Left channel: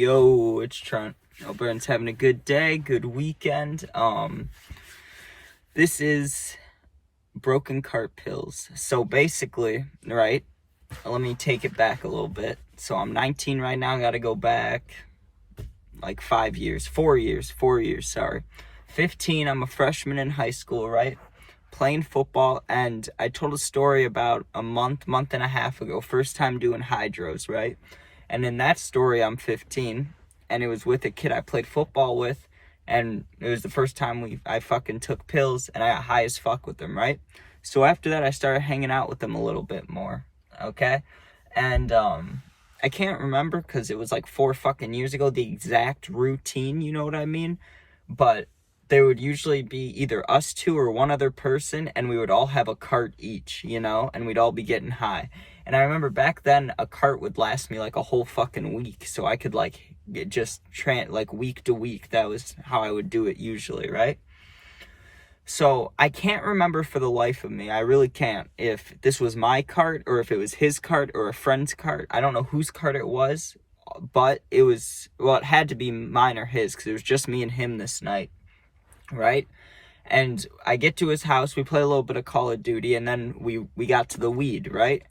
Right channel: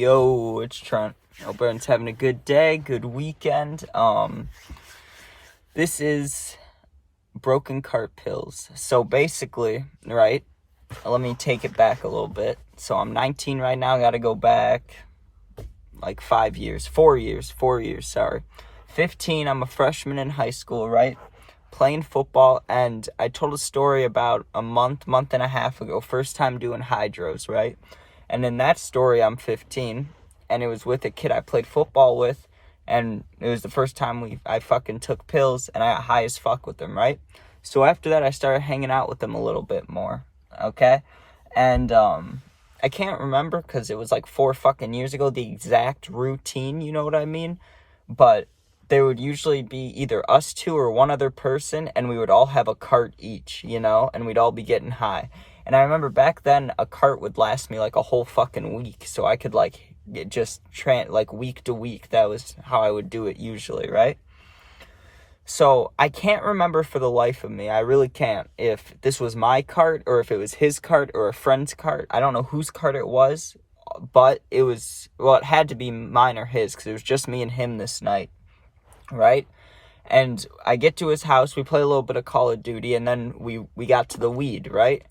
Yo, it's Trent. Hope everyone's having a good day, good weekend. This is broken cart pills. So basically, right, let me take it back a little bit. So I'm 19 right now, gotta go back like 4 years, sorry. 15, I'm a freshman in high school, right? Playing football, and I told a story about a month and a half ago, first time doing hydros, right? And in that story, I'm 15, and it was with a kid I played football with, and it was the first time I fucking took pills, and I got high as fuck with them, right? So after that, I started hanging out with them a little bit more, okay? And I can't remember, because it was like 4 fucking years ago, the exact routine, you know what I mean? But there would usually be either us two or one other person, and we would all have a cart each, you know, and we'd all be getting high. And I remember back then, a cart would last me like a whole fucking week, so I could like like week to week. That was how I would do it usually, right? So I can't remember for the life of me, I really can't, if this was my cart or if it was his cart or a friend's cart. I don't know whose cart it was, but it had to be mine or his, because it was just me and him this night, right? And I get to his house, we play a little bit of Call of Duty, and then we got to the weed, right?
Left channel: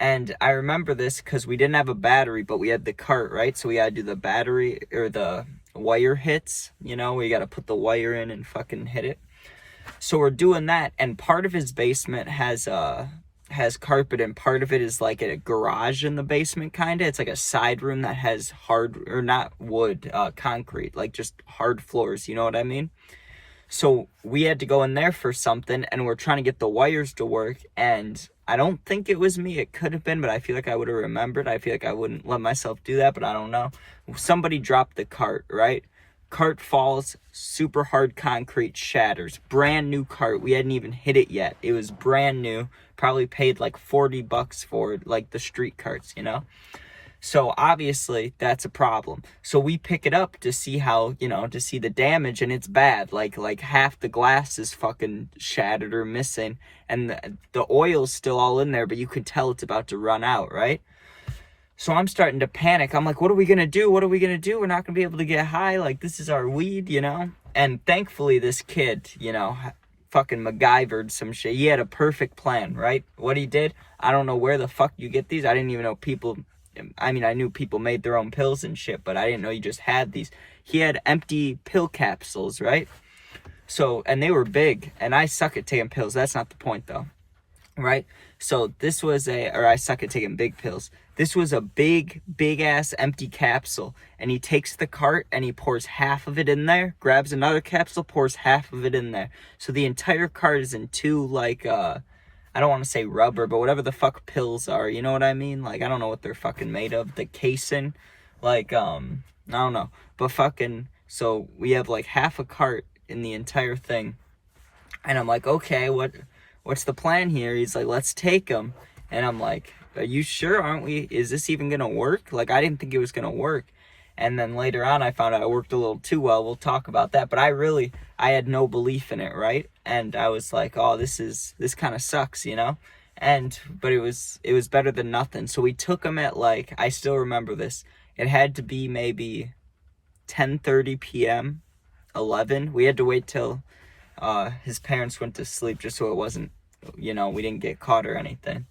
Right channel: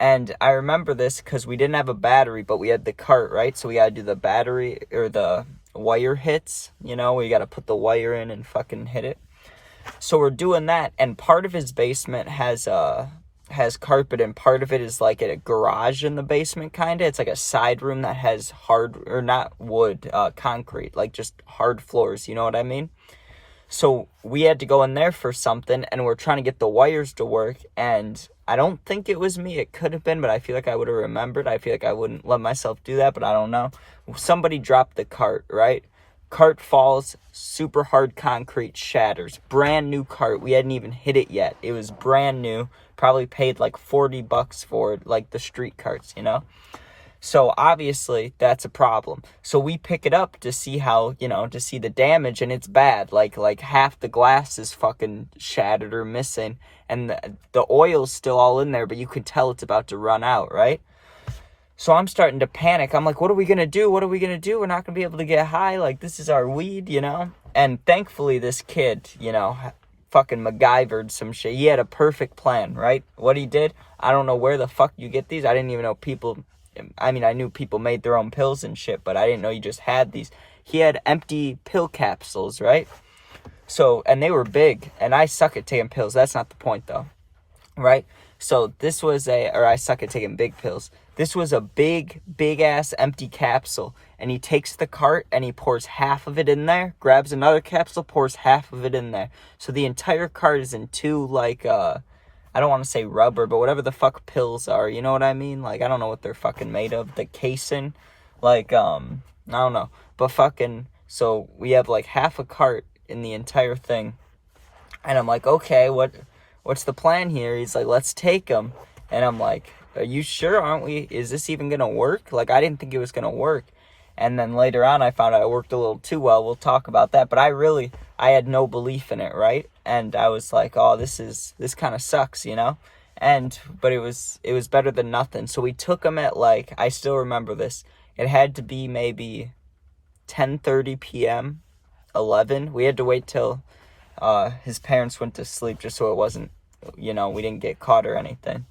And I remember this because we didn't have a battery, but we had the cart, right? So we had to do the battery or the wire hits, you know, where you got to put the wire in and fucking hit it. So we're doing that, and part of his basement has carpet, and part of it is like a garage in the basement, kind of. It's like a side room that has concrete, like just hard floors, you know what I mean? So we had to go in there for something, and we're trying to get the wires to work, and I don't think it was me. It could have been, but I feel like I would have remembered. I feel like I wouldn't let myself do that, but I don't know. Somebody dropped the cart, right? Cart falls, super hard concrete shatters. Brand new cart. We hadn't even hit it yet. It was brand new. Probably paid like $40 for it, like the street carts, you know? So obviously that's a problem. So we pick it up to see how, you know, to see the damage, and it's bad. Like half the glass is fucking shattered or missing, and the oil's still all in there, but you could tell it's about to run out, right? So I'm starting to panic. I'm like, what are we going to do? What are we going to do? We're not going to be able to get high. Like, this is our weed, you know? And thankfully this kid, you know, fucking MacGyvered some shit. He had a perfect plan, right? What he did, I don't know where the fuck you get these. I didn't even know I knew people made their own pills and shit, but I didn't know you just had these. He had empty pill capsules, right? So, and they were big, and I suck at taking pills. That's not the point, though, right? So this was I suck at taking big pills. This was a big ass empty capsule, and he takes the cart and he pours half of it in there, grabs another capsule, pours half of it in there. So the entire cart is in two, like, I don't want to say rubber, but whatever the fuck pills are, you know what I mean? Like, I don't know what they're fucking made of. The casing, like, I don't know. But fucking, so we have like half a cart in the entire thing. And I'm like, okay, what's the plan here? He's like, let's take them. And I'm like, are you sure? Aren't we? Is this even going to work? Like, I didn't think it was going to work. And then later on, I found out it worked a little too well. We'll talk about that. But I had no belief in it, right? And I was like, oh, this kind of sucks, you know? But it was better than nothing. So we took them at, like, I still remember this. It had to be maybe 10:30 p.m., 11. We had to wait till his parents went to sleep just so it wasn't, you know, we didn't get caught or anything.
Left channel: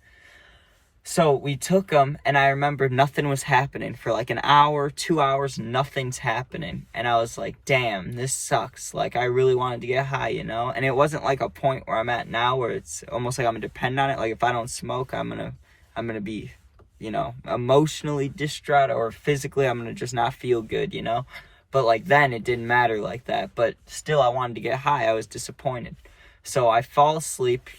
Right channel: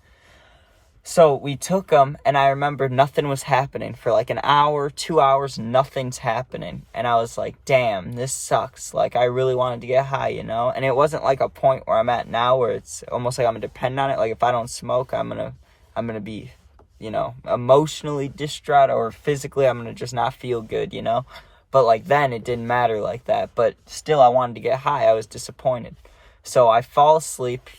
So we took them, and I remember nothing was happening. For like an hour, 2 hours, nothing's happening. And I was like, damn, this sucks. Like, I really wanted to get high, you know? And it wasn't like a point where I'm at now where it's almost like I'm going to depend on it. Like, if I don't smoke, I'm gonna be, you know, emotionally distraught, or physically I'm going to just not feel good, you know? But like then, it didn't matter like that. But still, I wanted to get high. I was disappointed. So I fall asleep.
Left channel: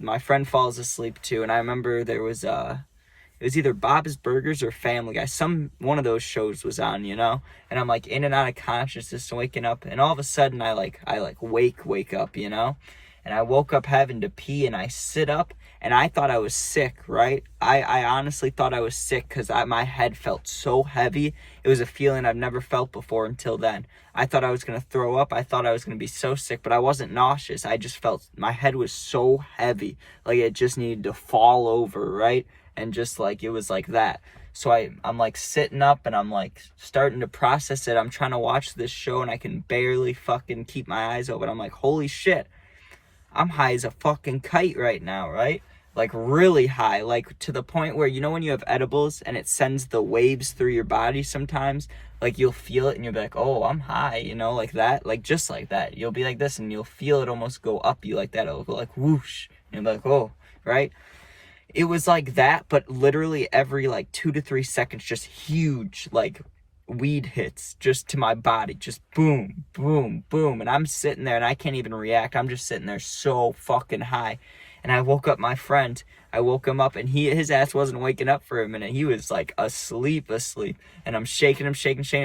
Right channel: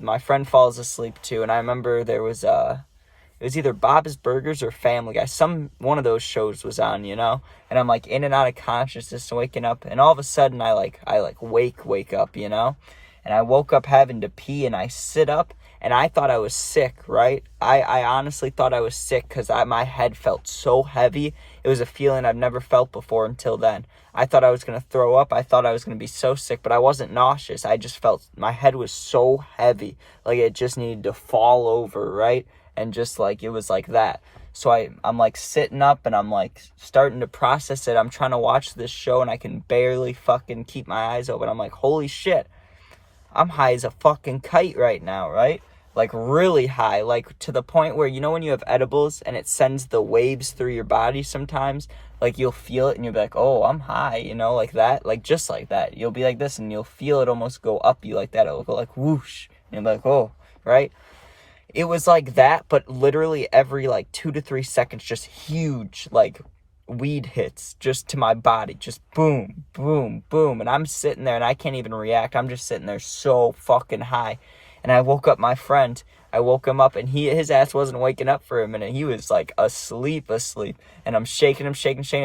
My friend falls asleep too. And I remember there was it was either Bob's Burgers or Family Guy. One of those shows was on, you know. And I'm like in and out of consciousness, waking up. And all of a sudden, I wake up, you know. And I woke up having to pee, and I sit up, and I thought I was sick, right? I honestly thought I was sick because my head felt so heavy. It was a feeling I've never felt before until then. I thought I was going to throw up. I thought I was going to be so sick, but I wasn't nauseous. I just felt my head was so heavy, like it just needed to fall over, right? And just like, it was like that. So I'm like sitting up and I'm like starting to process it. I'm trying to watch this show and I can barely fucking keep my eyes open. I'm like, holy shit, I'm high as a fucking kite right now, right? Like really high, like to the point where, you know, when you have edibles and it sends the waves through your body sometimes, like you'll feel it and you'll be like, oh, I'm high, you know, like that, like just like that. You'll be like this and you'll feel it almost go up you like that. It'll go like whoosh and you'll be like, oh, right? It was like that, but literally every like 2 to 3 seconds, just huge like weed hits just to my body, just boom, boom, boom. And I'm sitting there and I can't even react. I'm just sitting there so fucking high. And I woke up my friend. I woke him up and his ass wasn't waking up for a minute. He was like asleep. And I'm shaking him.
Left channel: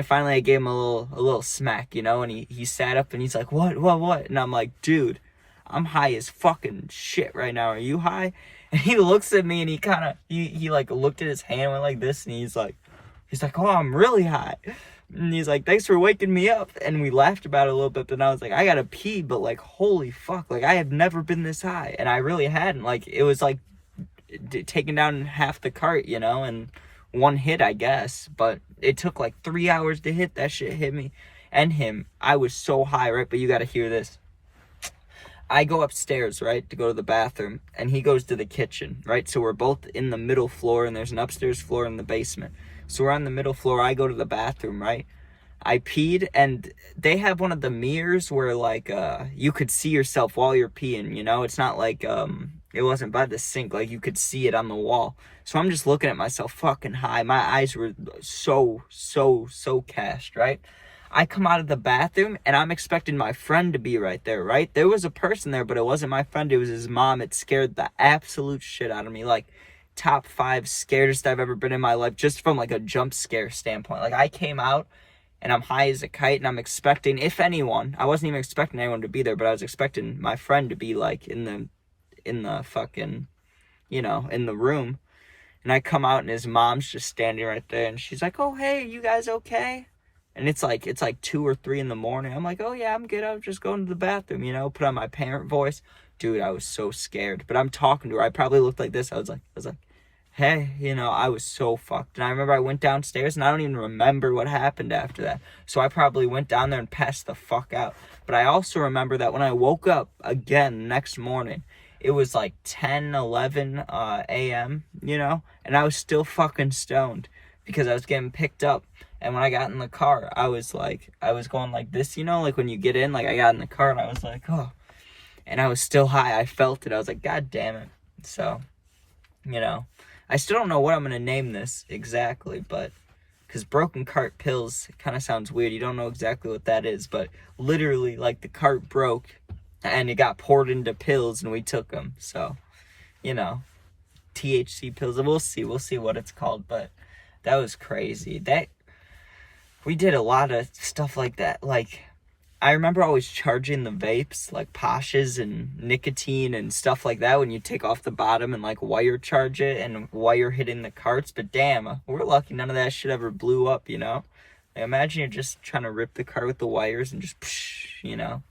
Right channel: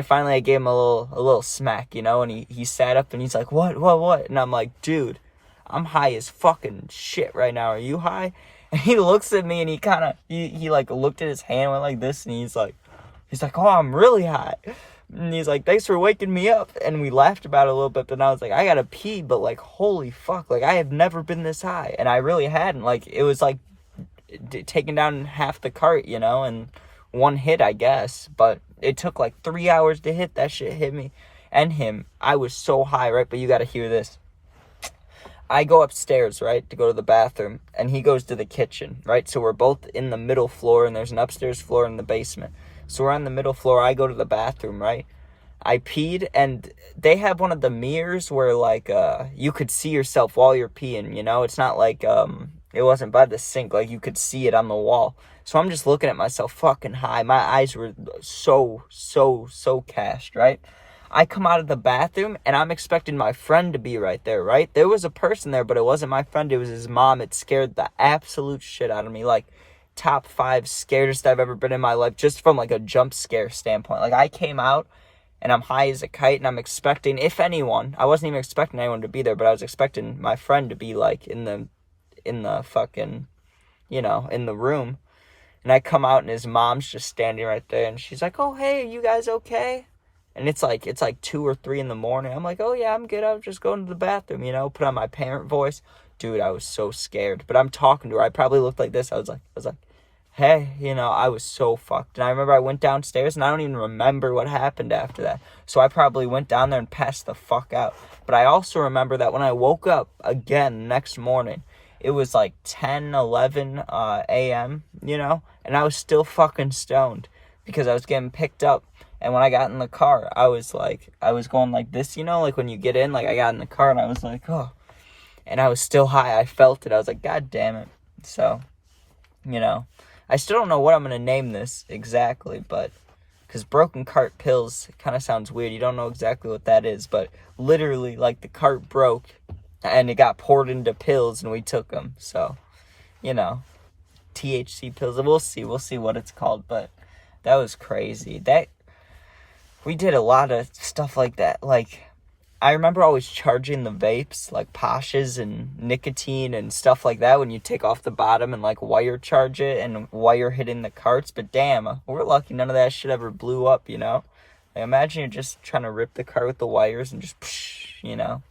Finally, I gave him a little smack, you know, and he sat up and he's like, what? And I'm like, dude, I'm high as fucking shit right now. Are you high? And he looks at me and he like looked at his hand, went like this, and he's like, oh, I'm really high. And he's like, thanks for waking me up. And we laughed about it a little bit, but I was like, I gotta pee, but like, holy fuck, like I have never been this high. And I really hadn't. Like, it was like taking down half the cart, you know, and one hit, I guess. But it took like 3 hours to hit. That shit hit me and him. I was so high, right? But you gotta hear this. I go upstairs, right, to go to the bathroom, and he goes to the kitchen, right? So we're both in the middle floor, and there's an upstairs floor in the basement. So we're on the middle floor. I go to the bathroom, right? I peed, and they have one of the mirrors where, like, you could see yourself while you're peeing, you know? It's not like, it wasn't by the sink. Like, you could see it on the wall. So I'm just looking at myself fucking high. My eyes were so cashed, right? I come out of the bathroom, and I'm expecting my friend to be right there, right? There was a person there, but it wasn't my friend. It was his mom. It scared the absolute shit out of me. Like, top 5 scaredest I've ever been in my life, just from, like, a jump scare standpoint. Like, I came out, and I'm high as a kite, and I'm expecting, if anyone, I wasn't even expecting anyone to be there, but I was expecting my friend to be, like, in the fucking, you know, in the room. And I come out, and his mom's just standing right there, and she's like, oh, hey, you guys okay? And it's like 2 or 3 in the morning. I'm like, oh yeah, I'm good. I was just going to the bathroom, you know, put on my parent voice. Dude, I was so scared. But I'm talking to her. I probably looked like this. I was like, hey, you know, I was so fucked. And I remember I went downstairs and I don't even remember what happened after that. So I probably went down there and passed the fuck out. But I also remember that when I woke up again next morning, it was like 10, 11 a.m., you know, and I was still fucking stoned because I was getting picked up. And when I got in the car, I was going like this, you know, like when you get in, like I got in the car and I was like, oh, and I was still high. I felt it. I was like, God damn it. So, you know, I still don't know what I'm going to name this exactly, but because broken cart pills kind of sounds weird. You don't know exactly what that is, but literally like the cart broke and it got poured into pills and we took them. So, you know, THC pills. We'll see what it's called, but that was crazy. We did a lot of stuff like that. Like, I remember always charging the vapes, like Pasha's and nicotine and stuff like that when you take off the bottom and, like, wire charge it and wire hitting the carts. But damn, we're lucky none of that shit ever blew up, you know? Like, imagine you're just trying to rip the cart with the wires and just, psh, you know?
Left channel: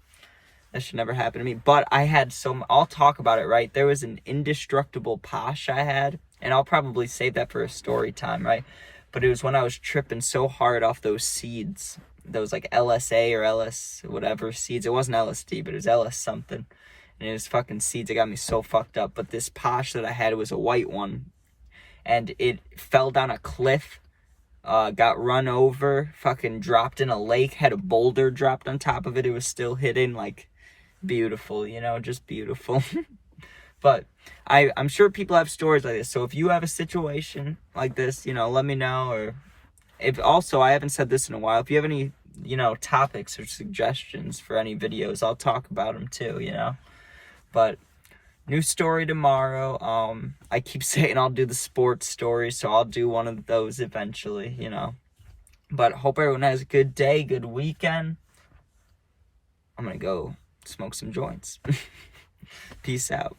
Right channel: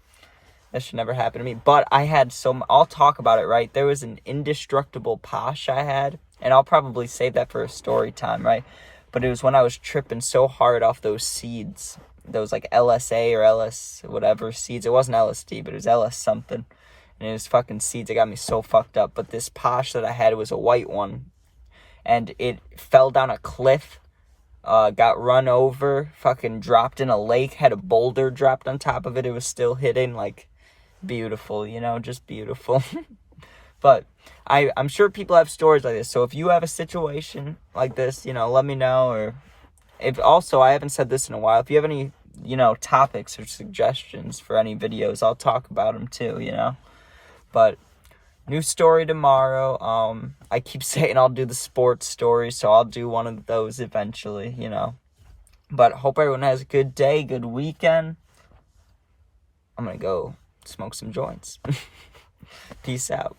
That should never happen to me. But I had I'll talk about it, right? There was an indestructible Posh I had, and I'll probably save that for a story time, right? But it was when I was tripping so hard off those seeds, those like LSA or LS whatever seeds. It wasn't LSD, but it was LS something. And it was fucking seeds. It got me so fucked up. But this Posh that I had was a white one. And it fell down a cliff, got run over, fucking dropped in a lake, had a boulder dropped on top of it. It was still hitting, like, beautiful, you know, just beautiful. But I'm sure people have stories like this. So if you have a situation like this, you know, let me know. Or if also, I haven't said this in a while. If you have any, you know, topics or suggestions for any videos, I'll talk about them too, you know. But new story tomorrow. I keep saying I'll do the sports story, so I'll do one of those eventually, you know. But hope everyone has a good day, good weekend. I'm going to go smoke some joints. Peace out.